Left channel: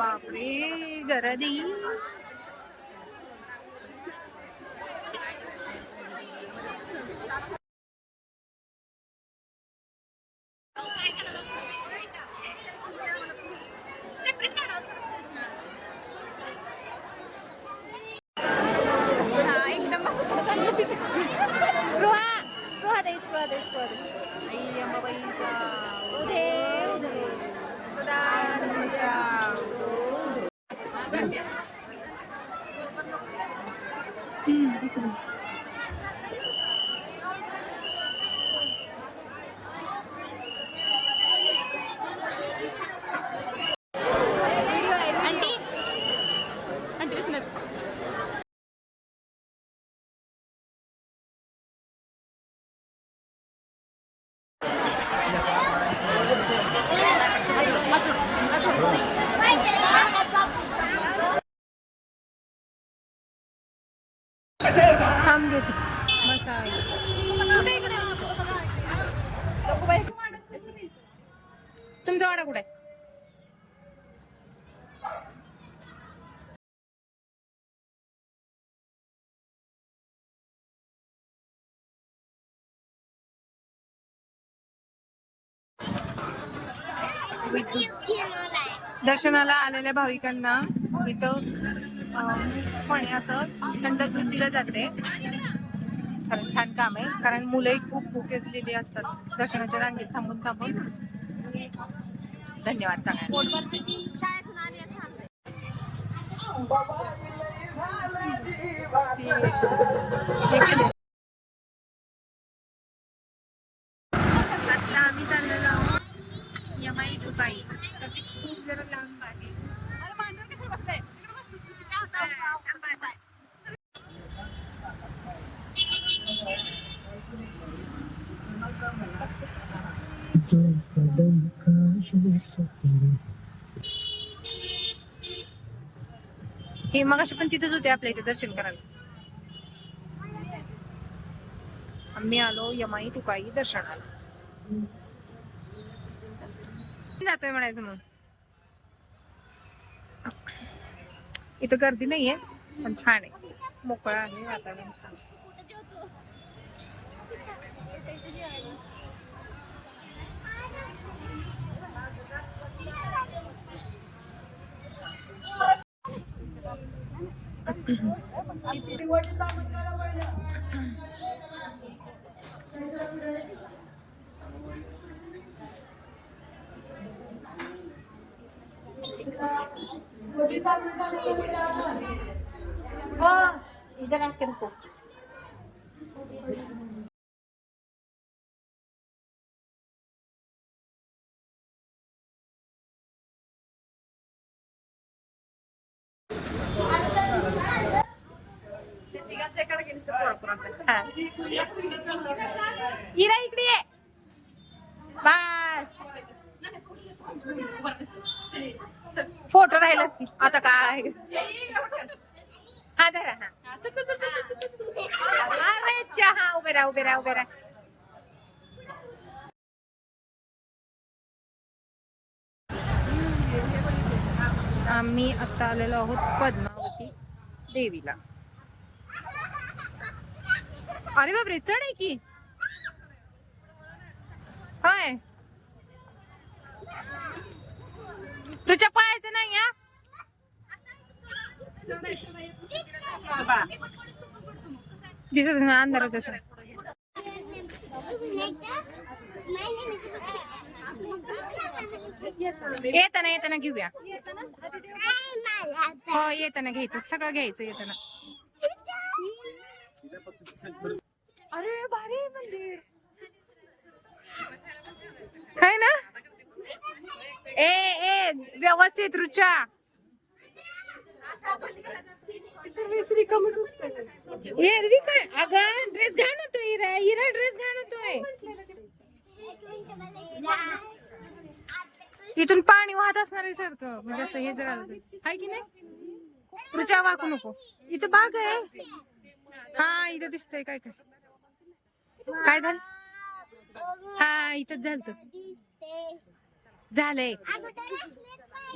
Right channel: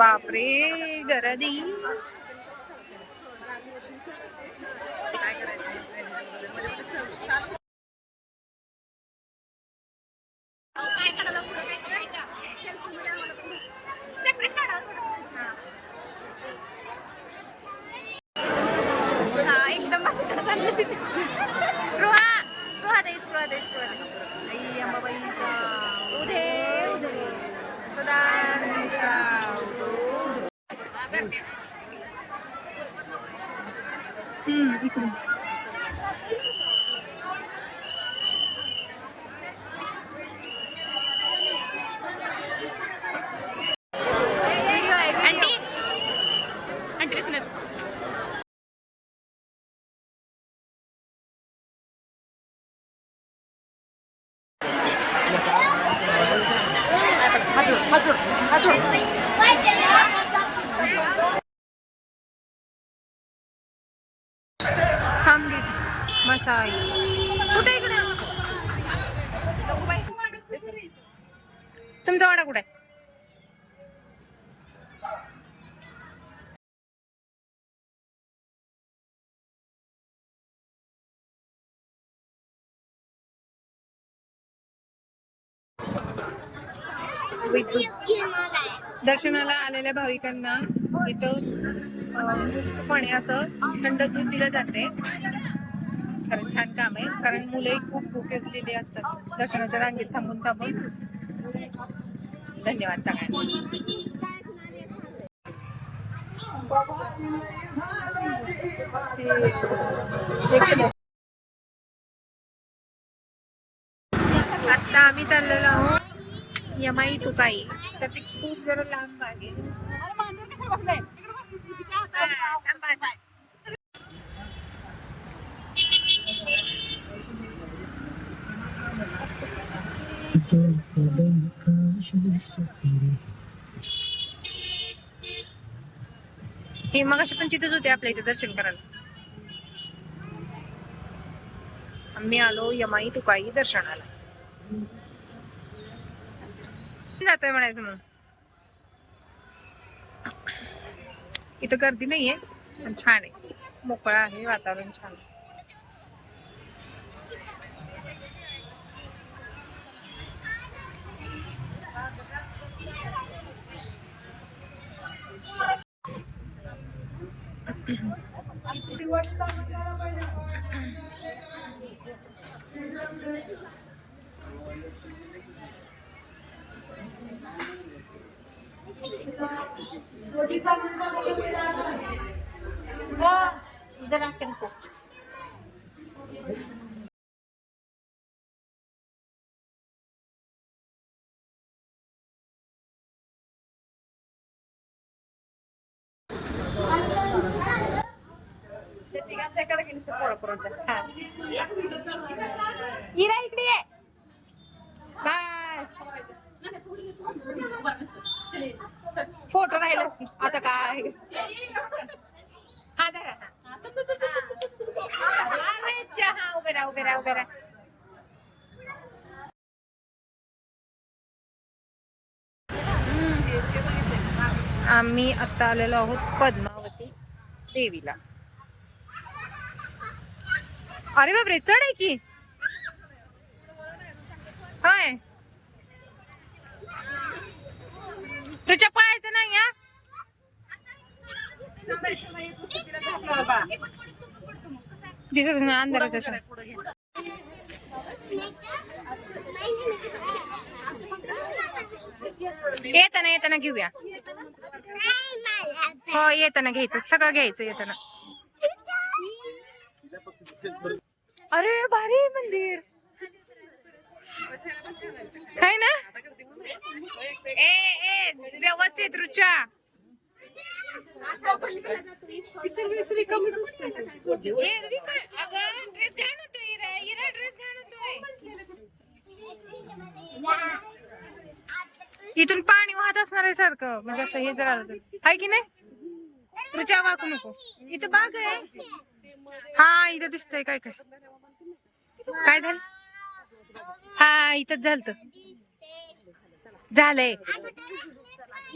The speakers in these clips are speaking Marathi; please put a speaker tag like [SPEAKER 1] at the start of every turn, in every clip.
[SPEAKER 1] बापरे गरदी. स्पृहा स्पृहा दे स्पृहा दे स्पृहा दे आई अंबाबाई उधे उधे सदा हम्म इकडे आंटी आंटी घेते मसाई. कुठे इकडे? तुमचा वाडा कुठे दर्शनाला आलेल्या भाविकांना इथं मुक्तपणे असं थंड दूध दिलं जाते. खरं छान काम आहे. कारण मुलंही खूप भुके असलेली असतात. दर्शनाच्या रांगेत थांबून थांबून. धन्यवाद सगळ्यांना. आता आम्ही चाललेलो आहोत यमाई तुकाई. तर ती खूप जरा लांब आहे. हे मग अशी पण तिथेच होते आपल्या इथे दर्शन करायला. आम्ही आलो यमाई तुकाई दर्शनाला. जातोय म्हणायचं मग इथं गर्दी नाहीये पण छान आहे मोकळा आहे वातावरण छान आहे. इधर आके रुको हा. इरा इकडे ये बस Photo राहिलाच आता काय? हा धरा हा अरे चहा उभे राहा उभे राहा उभे राहा. आम्ही आता आलेलो आहोत पद्मावती देवीला. अरे बापरे चढ आहे की? तुझ्या पळायचं नाही या दिसत ना अंधाराच्या येताना येताना घेऊया. हो येताना घ्यायचं सगळं घ्यायचं येताना. अरे भारी मंदिर. काय ना? ए ए व्यवस्थित रुचा एरवी काय अगं ड्रेस घाण होतोय हिरा. हिरा ड्रेस घाण होतोय. इथून पाणी वाहत असणार आहे सारखं. म्हणजे असं हे जर आलं हाय की नाही? रुचा वाकू नको. इथं बाग आहे. हा इथं दिसतंय काय काय? काय झालं? हा इथंच झालं झालंय.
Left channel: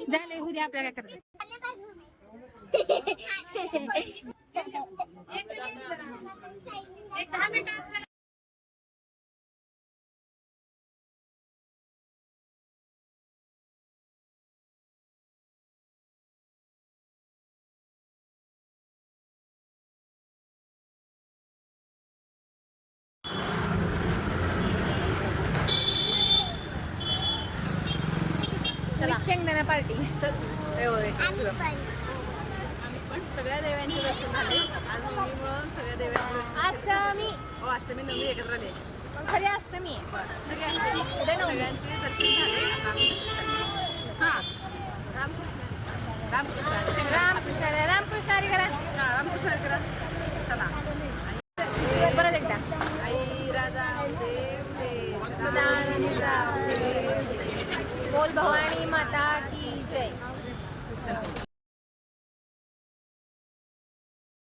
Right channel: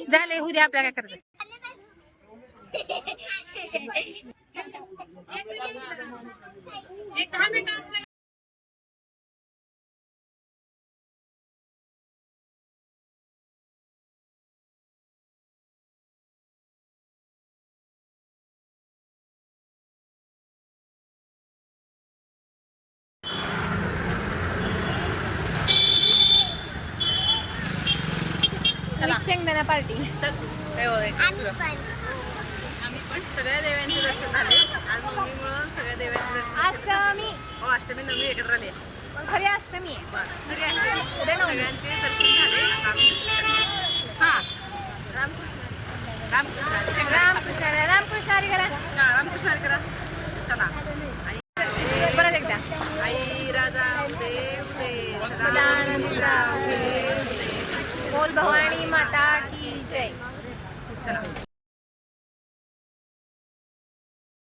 [SPEAKER 1] झालंय उद्या आपल्याला काय करायचं? शेंगदाणा पार्टी.
[SPEAKER 2] आम्ही पण. सगळ्या देवांचे दर्शन झाले. आज नवमी म्हणून सगळ्या देवांचे दर्शन
[SPEAKER 1] अष्टमी.
[SPEAKER 2] हो अष्टमी नवमी एकत्र आले.
[SPEAKER 1] खरी अष्टमी. आहे
[SPEAKER 2] बरं तरी.
[SPEAKER 1] उद्या नवमी.
[SPEAKER 2] सगळ्यांचे दर्शन झाले. आता आम्ही हा. रामकृष्ण. रामकृष्ण. हरी.
[SPEAKER 1] रामकृष्ण. रामकृष्ण हरी करा.
[SPEAKER 2] हा, रामकृष्ण हरी करा. चला. आणि
[SPEAKER 1] परत एकदा.
[SPEAKER 2] आई राजा उदे उदे
[SPEAKER 1] सदानंद जाऊ दे. बोल भवानी माता की जय.